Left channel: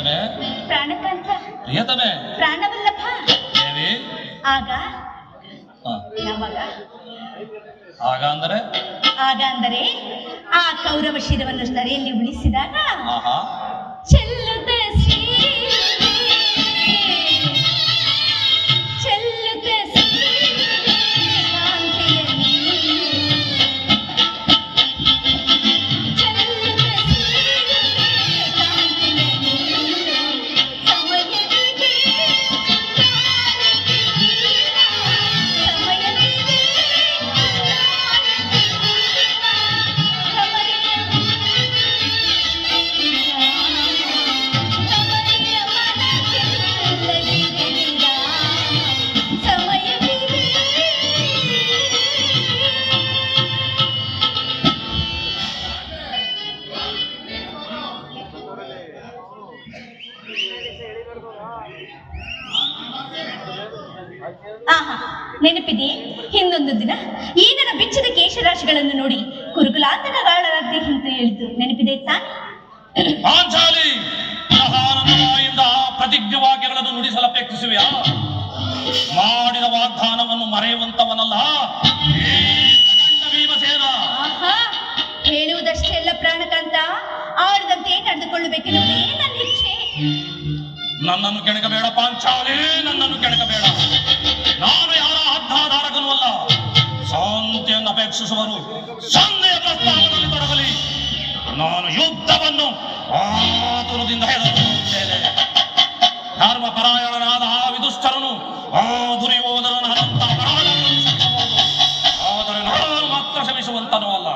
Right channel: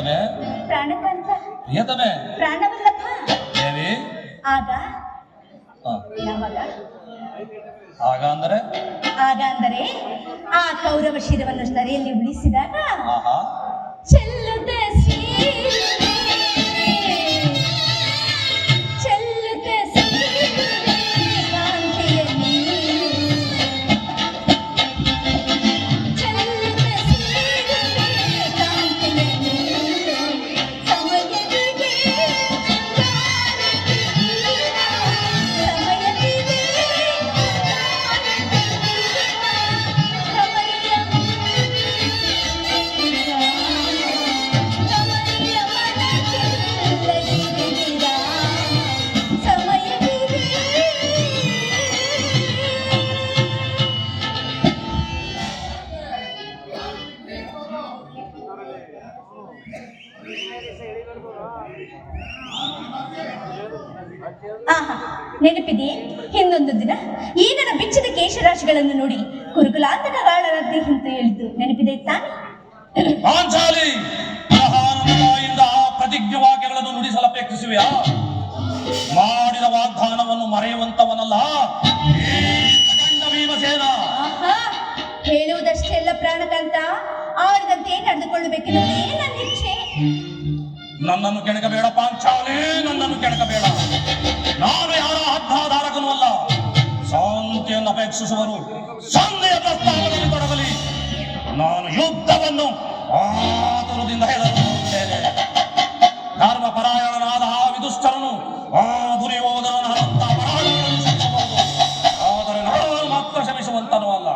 ಪ್ರಿಯತಮೆ ಪ್ರಾಣಕಾಂತ ಪ್ರಿಯತಮೆ ಪ್ರಾಣವಲ್ಲಭ ದೇವಿ ಆಗ ಯಾವಾಗ ಆಗ ಅಂದರೆ ಆ ಕೌರವ ಶಿರವನ್ನು ಸ್ತರೆಯಲ್ಲಿ ಉಳಿಸಿದಾಗ ಆಹಾ ಚೆಲ್ಲದ ನೆನಪಿದೆ ಹಿಂದೊಂದು ದಿನ ಈ ನನ್ನ ಬೆಚ್ಚದ ಕೇಶರಾಶಿಗಳನ್ನು ನೋಡಿ ಕುರುಕುಲಾಂತಕಗಾಳರಾಗದೆ ಅಂತ ಹೇಳಿದ್ದು ನೆನಪಿದೆ ತಾನೆ? ಪಾಂಚಾಲಿ ಮಹಾನಂದದಿಂದ ಪ್ರತಿಜ್ಞ ವಾಕ್ಯಗಳನ್ನು ನುಡಿಸಲಪೇಕ್ಷಿಸುವೆಯಾ? ಮಾಡಿದ ವಾಗ್ದಾನವನ್ನು ಮರೆಯುವಂತವನಲ್ಲ ಭೀಮಸೇನ. ಹೇಳುವುದಷ್ಟೇ ಅಲ್ಲ ಪ್ರಾಣಕಾಂತ, ಆಡದಂತೆ ನಡೆದುಕೊಳ್ಳಬೇಕೆನ್ನುವುದೇ ನನ್ನ ಇಚ್ಛೆ. ನನ್ನನ್ನು ಕೆಣಕಬೇಡ ಪಾಂಚಾಲಿ, ನನ್ನನ್ನು ಕೆಣಕಬೇಡ. ನಾನು ಯಾರ ಹದ್ದಾಧಾರಕನೂ ಅಲ್ಲ. ಶಾಂತಿಯನ್ನು ಅಪೇಕ್ಷಿಸುವರು ಸಂಧಿಯ ಪ್ರಸ್ತಾವದಲ್ಲಿ ತೊಡಗಲಿ. ನಾನು ಯುದ್ಧವನ್ನು ಆತುರದಿಂದ ಹೇಳುತ್ತೇನೆ. ಧರ್ಮ ಪರಾಯಣನಾದ ಆ ವಿದುಷ್ಟರನು ಆ ದುರ್ಯೋಧನನ ಹಂತ ಪರಾಯಣವನ್ನು ಶ್ರಮಿಸಬಹುದು. ಆದರೆ ನಾನು ಮಾತ್ರ ಶ್ರಮಿಸುವಂತನೂ ಅಲ್ಲ.